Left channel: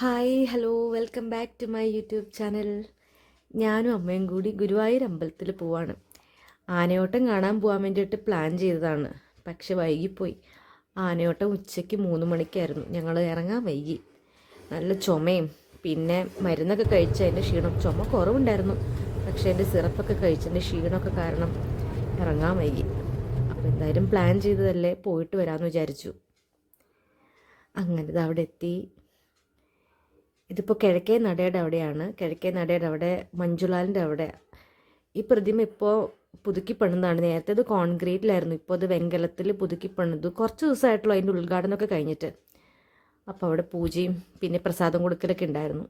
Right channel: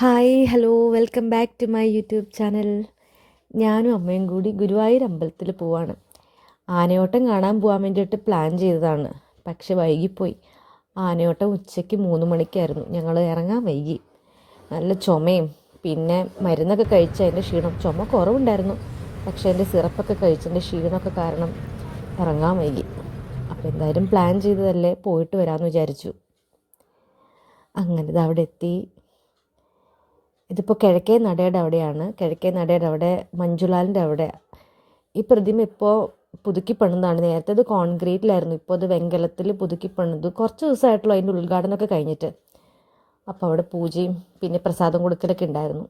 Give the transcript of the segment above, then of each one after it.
Hi hello welcome back to my YouTube channel. ഞാനും അമ്മയും കൂടി ഗുരുവായൂർ അമ്പലത്തിൽ പോവാണ്. ആനയോട്ടം കാണാൻ പോകാൻ വേണ്ടിയിട്ട് പ്ലാൻ ചെയ്തതാണ്, പക്ഷെ വൈകിപ്പോയി. ആനയോട്ടം ഉച്ചയ്ക്ക് 3 മണിക്കായിരുന്നു. ഞങ്ങൾ ഇറങ്ങാൻ വൈകി. നല്ല ചുമയും പിന്നെ മരുന്നൊക്കെ കഴിച്ചതിൻ്റെ ക്ഷീണം. ചുമ കുറവുണ്ടായിരുന്നു, പക്ഷേ എൻ്റെ സിറപ്പൊക്കെ കഴിച്ചതിൻ്റെ ക്ഷീണമൊക്കെ കാരണം ഇറങ്ങാൻ വൈകി. അപ്പോൾ എന്തായാലും പ്ലാൻ ചെയ്തതല്ലേ, പോയിട്ട് വരാമെന്ന് വിചാരിച്ചു. അങ്ങനെ ഇത് അവിടെ എത്തി. ഇതിപ്പോൾ കിഴക്കേ നടയുടെ അവിടെയാണ്. കിഴക്കേ നടയുടെ അവിടെ മഞ്ജുലാലിൻ്റെ അവിടെ ഈ പ്രതിമ ഇപ്പോൾ പുതുക്കി പണിതാണ്. നേരത്തെ ഇത് കോൺക്രീറ്റിലായിരുന്നു, ഇപ്പോൾ അത് വെങ്കലത്തിൽ പുതുക്കി പണിതു. കുറച്ച് ദിവസമായിട്ടുള്ളൂ അതിൻ്റെ ഉദ്ഘാടനമൊക്കെ കഴിഞ്ഞിട്ട്. അപ്പോൾ അവിടെ പൂജയും പിന്നെ പ്രസാദം കൊടുക്കലൊക്കെ ഉണ്ടായിരുന്നു.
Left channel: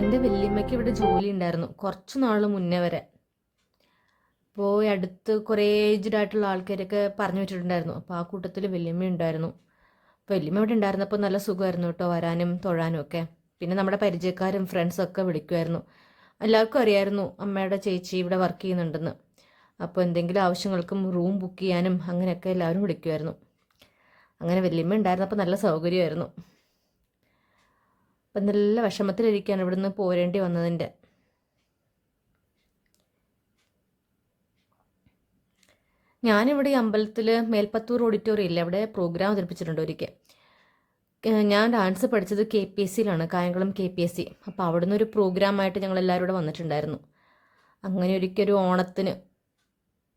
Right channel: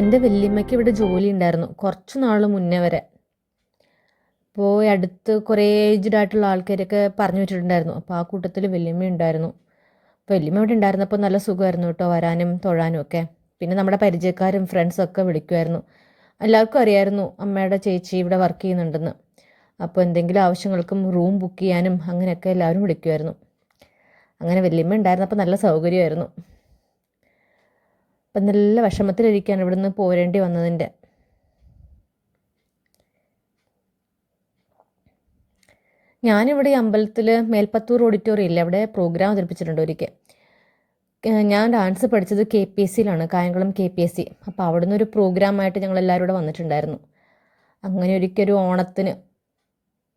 എൻ്റെ വല്യമ്മയ്ക്ക് ഇവിടെ ജോലി ഉണ്ടായിരുന്നു കുറച്ച് നാൾ മുന്നേ വരെ. അപ്പോൾ അടുത്ത് കുറേ ഏജ്ഡ് ആയിട്ടുള്ള ആൾക്കാരൊക്കെ പറഞ്ഞു വെച്ചിട്ടുണ്ടായിരുന്നു. അപ്പോൾ ആ കൂട്ടത്തിൽ വല്യമ്മ ഉണ്ടായിരുന്നു. അപ്പോൾ വല്യമ്മ ഇവിടെ ഉണ്ടായിരുന്നപ്പോൾ നല്ല സുഖമായിരുന്നു കേട്ടോ, വരാനും തൊഴാനും ഒക്കെ. പിന്നെ നമ്മുടെ പരിചയക്കാരും ഫ്രണ്ട്സൊക്കെ വിളിക്കുമായിരുന്നു. എല്ലാവർക്കും അറിയായിരുന്നു അമ്മയുടെ ചേച്ചി ഇവിടെ വർക്ക് ചെയ്യുന്നുണ്ടെന്ന്. അപ്പോൾ എന്തെങ്കിലും ആവശ്യങ്ങൾക്കും റൂം ബുക്ക് ചെയ്യാനും അങ്ങനെയൊക്കെ എല്ലാവരും വിളിക്കുമായിരുന്നു. അങ്ങനെ വല്യമ്മ ഉണ്ടായിരുന്നപ്പോൾ നല്ല സൗകര്യമായിരുന്നു. അപ്പം നല്ല വിഷമത്തിലിരിക്കുകയാണ് ഇവിടുന്ന് പോരേണ്ടി വന്നതിൻ്റെ. ഞാനിവിടെ ഈ അമ്പലത്തിൽ മേൽപ്പത്തൂർ ഓഡിറ്റോറിയം ഇല്ല, അവിടെ പ്രോഗ്രാം അവതരിപ്പിച്ചിട്ടുണ്ട് ഒരിക്കൽ. ഞാൻ ഡാൻസ് പഠിച്ചത് KPSCയിലാണ്, കായംകുളം KPSC. അപ്പോൾ അവിടെ നിന്നൊരു പ്രോഗ്രാമായിട്ട് ഞങ്ങൾ എല്ലാവരും ഇവിടെ വന്നിട്ടുണ്ടായിരുന്നു. അങ്ങനെ ഒരിക്കൽ ഓണത്തിന്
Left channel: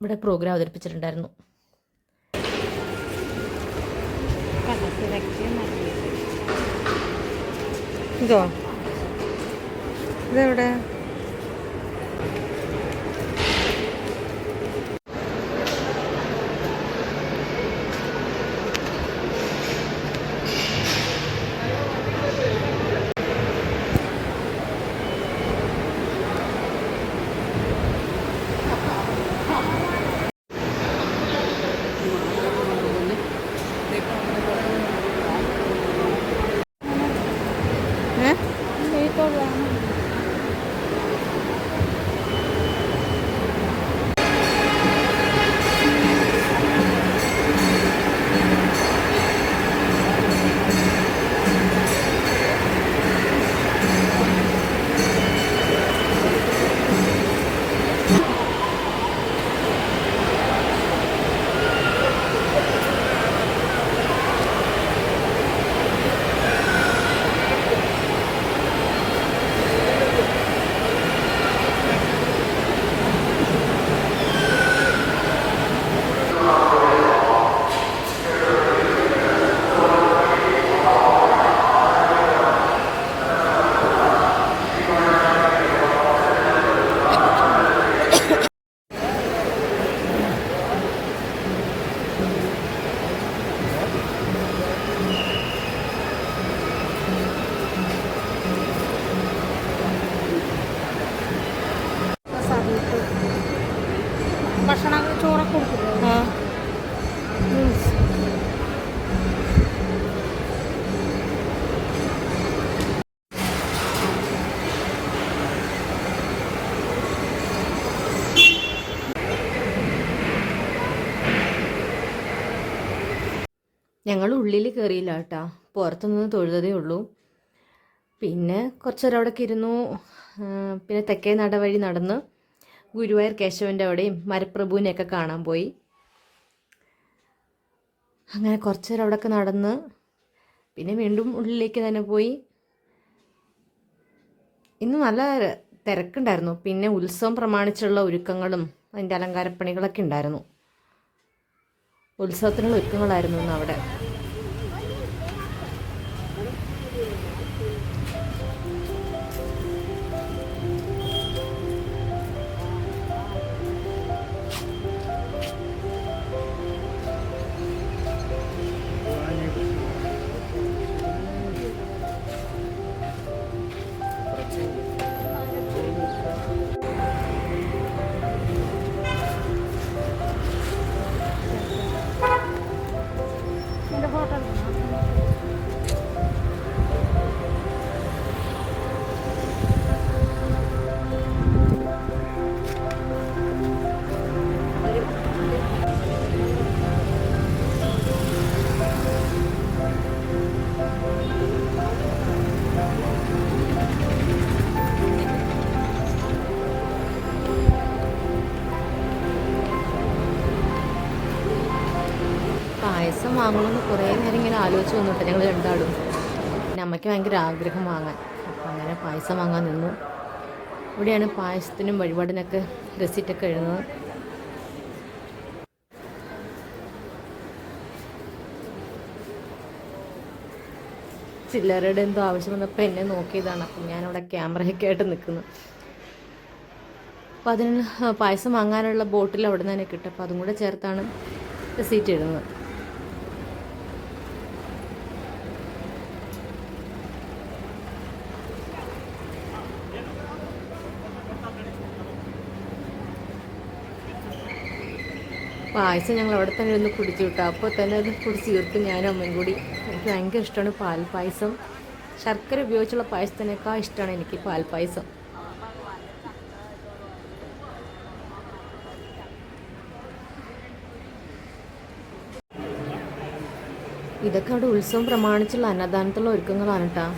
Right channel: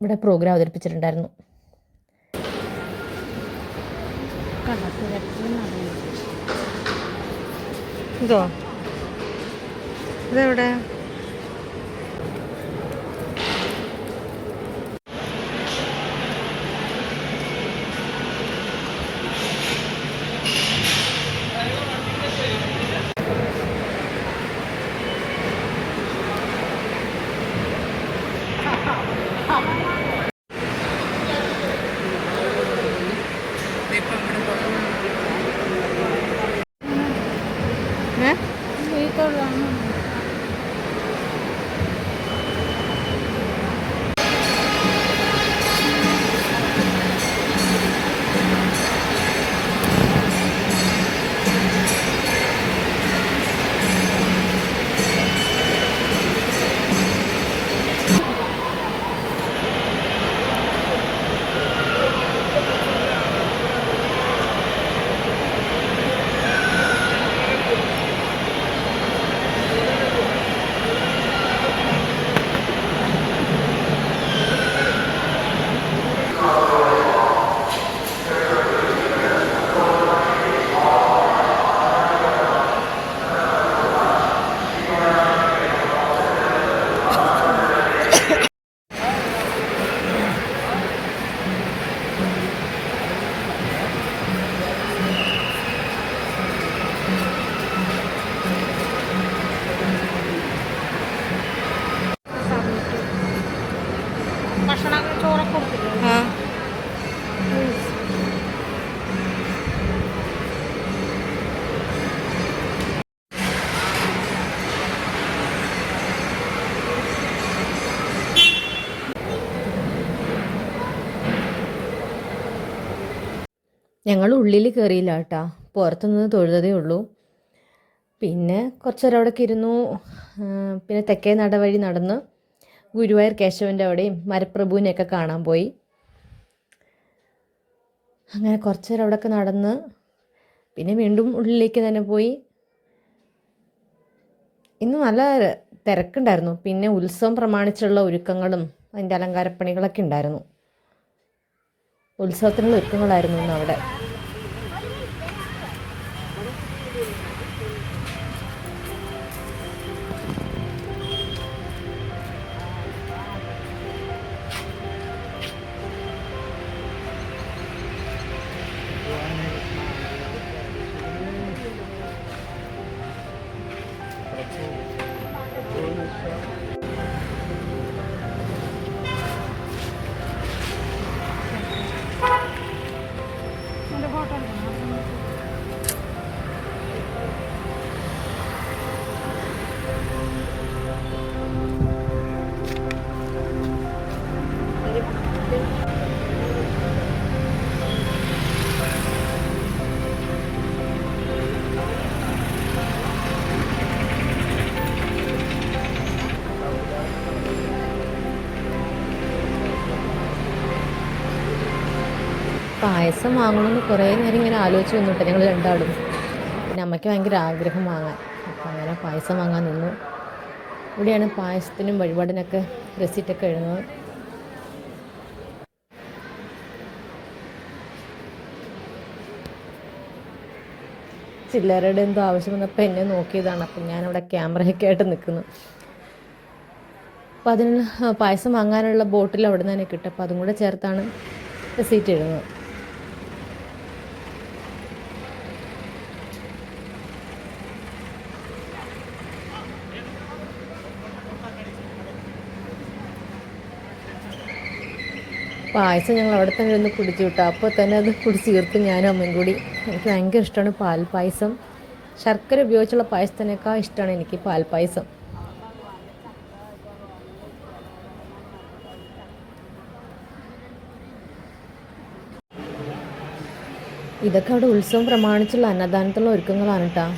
ഇവിടെ പ്രോഗ്രാം അവതരിപ്പിച്ചിട്ടുണ്ടായിരുന്നു. ഇതോ ഇതെവിടെ? ഞങ്ങൾ ഉള്ളിൽ കയറിയില്ല കേട്ടോ, പുറത്തുനിന്ന് തൊഴുതതേ ഉള്ളൂ. പിന്നെ കുറച്ച് നേരം അവിടെയൊക്കെ ഇരുന്നു. പിന്നെ തെക്കേ നട വഴി നടന്ന് ഗുരുവായൂർ കേശവൻ്റെ അവിടെയും മരപ്രഭുവിനെയൊക്കെ കാണാൻ പോയി. അങ്ങനെ കുറച്ച് നേരം അവിടെയൊക്കെ നടന്ന് പിന്നെ വീണ്ടും ഉള്ളിലേക്ക് തന്നെ പോയി. ഇന്ന് നല്ല തിരക്കുണ്ടായിരുന്നു. പിന്നെ ഉത്സവം പ്രമാണിച്ചുള്ള ഒരുക്കങ്ങളും അതിൻ്റെ അലങ്കാരപ്പണികളൊക്കെ ഉണ്ടായിരുന്നു. ഉത്സവത്തിനുള്ള ഒരുക്കങ്ങളായിരുന്നു ഇന്ന് അവിടെ. പായസം വാങ്ങണമെന്ന് കുറേ നേരം ഇങ്ങനെ ആലോചിച്ച് നിന്നിട്ട് ഞങ്ങൾ രണ്ടാളും. പിന്നെ അമ്മയ്ക്ക് ഭയങ്കര ആഗ്രഹം വാങ്ങാൻ. അപ്പം അങ്ങനെ പായസം വാങ്ങാൻ നിന്നു. ഇവിടെയാണ് പായസത്തിനും വഴിപാടിനൊക്കെ റെസിറ്റൊക്കെ എഴുതുന്നത്. ചില്ലറയുടെ എന്തോ ആവശ്യം വന്നപ്പോൾ എന്നെ നോക്കിയതാണ്. അപ്പം ഞാനവിടെ ക്യാമറയൊക്കെ ആയിട്ട് നിൽക്കുന്നു. അപ്പോൾ അതിന് പായസം വാങ്ങാനുള്ള ബോട്ടിൽ അവിടെ നിന്ന് തന്നെ കിട്ടും. അപ്പോൾ അതും കൂടെ ചേർത്താണ് റെസീറ്റ് എഴുതുന്നത്. പായസം ഞങ്ങൾ അവിടെ തന്നെ ഒന്ന് കുടിച്ചു കിട്ടും. അപ്പോൾ തന്നെ അത് കുടിച്ച് തീർക്കും ഞാനും അമ്മയും കൂടി. എനിക്ക് ഭയങ്കര ഇഷ്ടമാണ് പാൽ പായസം. ശർക്കര ഉപയോഗിച്ചുള്ള പായസത്തിനേക്കാൾ ഇഷ്ടമാണ് എനിക്ക് പാൽ പായസം. ഇതൊക്കെ അവിടെ ഉത്സവം പ്രമാണിച്ചുള്ള അന്നദാനത്തിലുള്ള ഒരുക്കങ്ങളാണ് കേട്ടോ.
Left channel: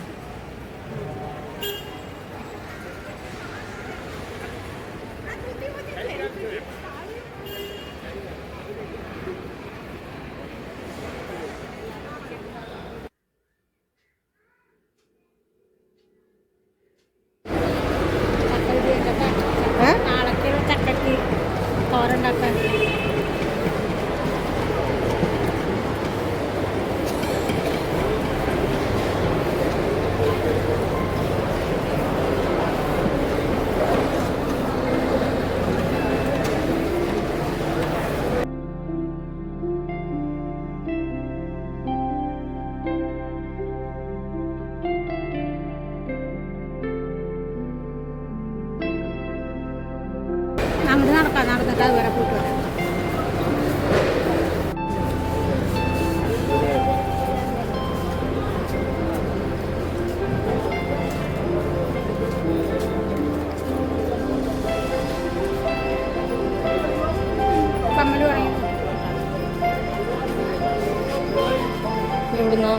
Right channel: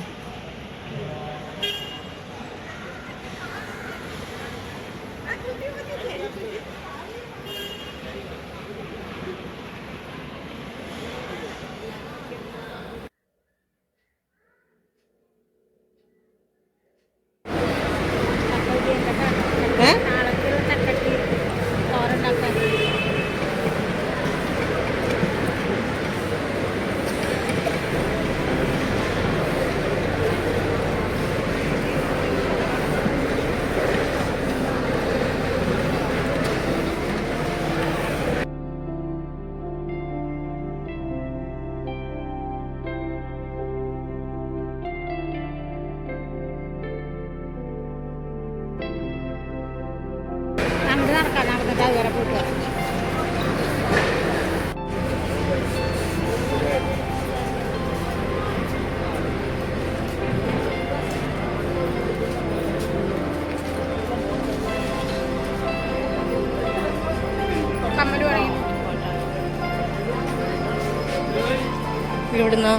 ഇവിടുന്ന്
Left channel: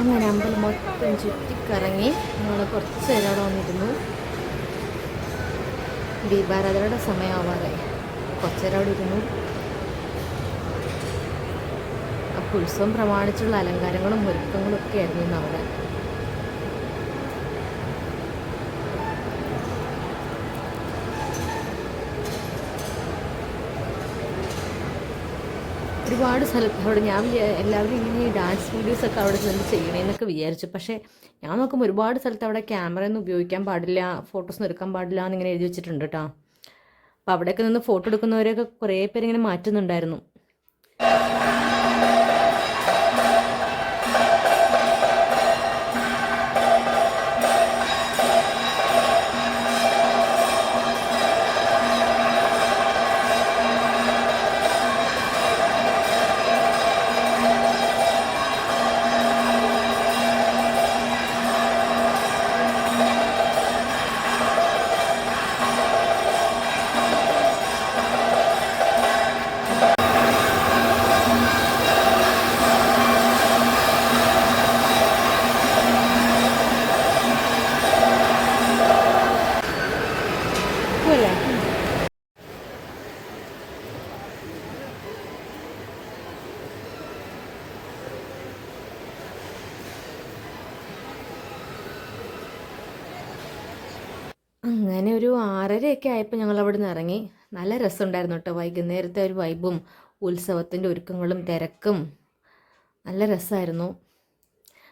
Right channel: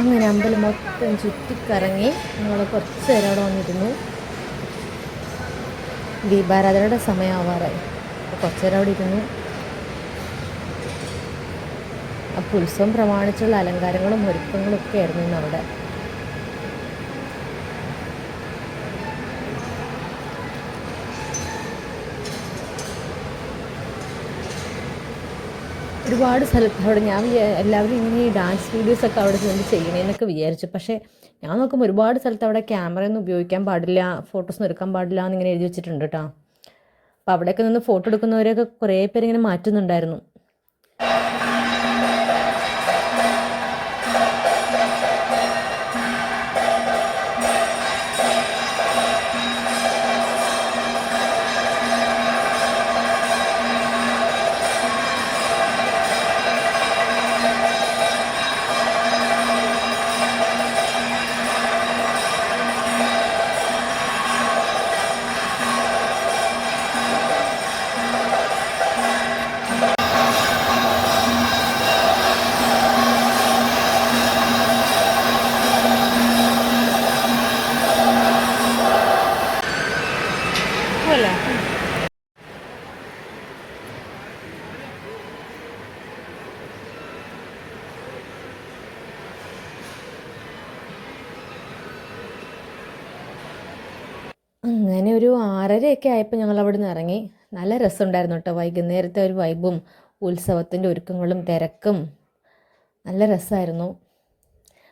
അങ്ങനെ അമ്പലം മൊത്തം ചുറ്റിക്കറങ്ങി ഞങ്ങൾ കുറച്ച് നേരം അവിടെ വന്നിരുന്നു. ദീപാരാധനയുടെ സമയമാവാറായി. അപ്പോൾ കുറച്ച് നേരം അവിടെ ഇരുന്നു. അപ്പോൾ ഉത്സവം പ്രമാണിച്ചുള്ള അലങ്കാരങ്ങളും ഒരുക്കങ്ങളും ഒക്കെ ആയിരുന്നു ഇന്ന് അവിടെ. ഒരുപാട് സ്ഥലത്ത് അവിടെ ഞാൻ എല്ലാവരും ഈ ഡാൻസ് വീഡിയോസൊക്കെ അവിടെ നിന്ന് ചെയ്യണേന്നൊക്കെ വിചാരിച്ചു. പക്ഷേ ഞാൻ നോക്കുമ്പോൾ ഒരുപാട് സ്ഥലത്ത് അവിടെ ക്യാമറയൊന്നും ഉപയോഗിക്കാൻ പാടില്ല, ഫോട്ടോസൊന്നും എടുക്കാൻ പാടില്ല എന്നിങ്ങനെ എഴുതി വെച്ചിട്ടുണ്ട് കേട്ടോ. അപ്പോൾ അവിടെയൊക്കെ നിന്ന് ഫോട്ടോ എടുക്കുന്നവരെയൊക്കെ കുറേ പേരിങ്ങനെ മാറ്റുന്നുണ്ടായിരുന്നു. പോലെ അങ്ങനെ ഒരു 6:30 ആയപ്പോൾ ഞങ്ങൾ അവിടെ നിന്ന് ഇറങ്ങി. നല്ല രസമുണ്ടായിരുന്നു കേട്ടോ. വൈകുന്നേരത്തെ ഒരു വൈബും ഉത്സവത്തിൻ്റെ ഒരുക്കങ്ങളും തിരക്കും നല്ല രസമായിരുന്നു.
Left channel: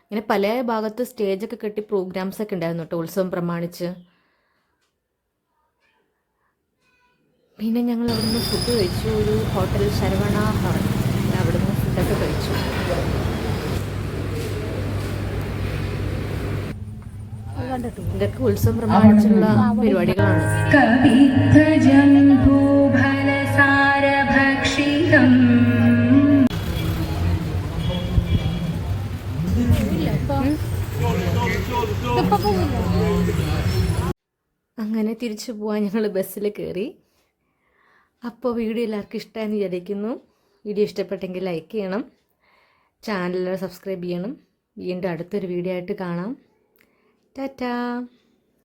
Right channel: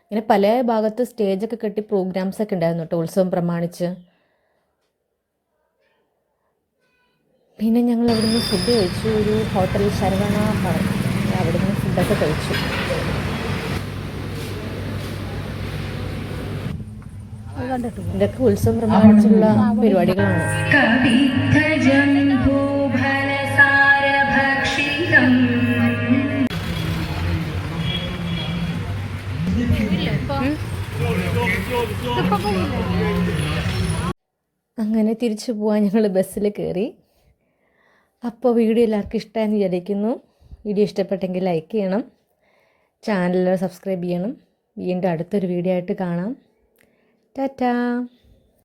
ഇങ്ങനെ പല ഭാഗത്ത് സ്റ്റേജൊക്കെ കെട്ടി പ്രോഗ്രാംസൊക്കെ ഉണ്ടായിരുന്നു കേട്ടോ ഉത്സവം പ്രമാണിച്ച്. പിന്നെ ഞങ്ങൾ അവിടെ നിന്ന് ഫുഡ് കഴിച്ചു. ഒരു ഹോട്ടൽ ശരവണ ഭവൻ, അവിടെ നിന്ന് ഫുഡൊക്കെ കഴിച്ചു. ഇതൊക്കെ ഉത്സവം പ്രമാണിച്ചുള്ള പരിപാടികളാണ്. അങ്ങനെ തിരിച്ചു പോവാൻ ഞങ്ങൾ ബസ്സിൽ കയറി. അപ്പോൾ വീഡിയോ എല്ലാവർക്കും ഇഷ്ടമായെന്ന് വിചാരിക്കുന്നു. വീഡിയോ ഇഷ്ടപ്പെട്ടെങ്കിൽ ലൈക്ക് ചെയ്യണം, ചാനൽ സബ്സ്ക്രൈബ് ചെയ്യണം. വീണ്ടും അടുത്തൊരു വീഡിയോ ആയിട്ട് കാണാം. ടാറ്റാ.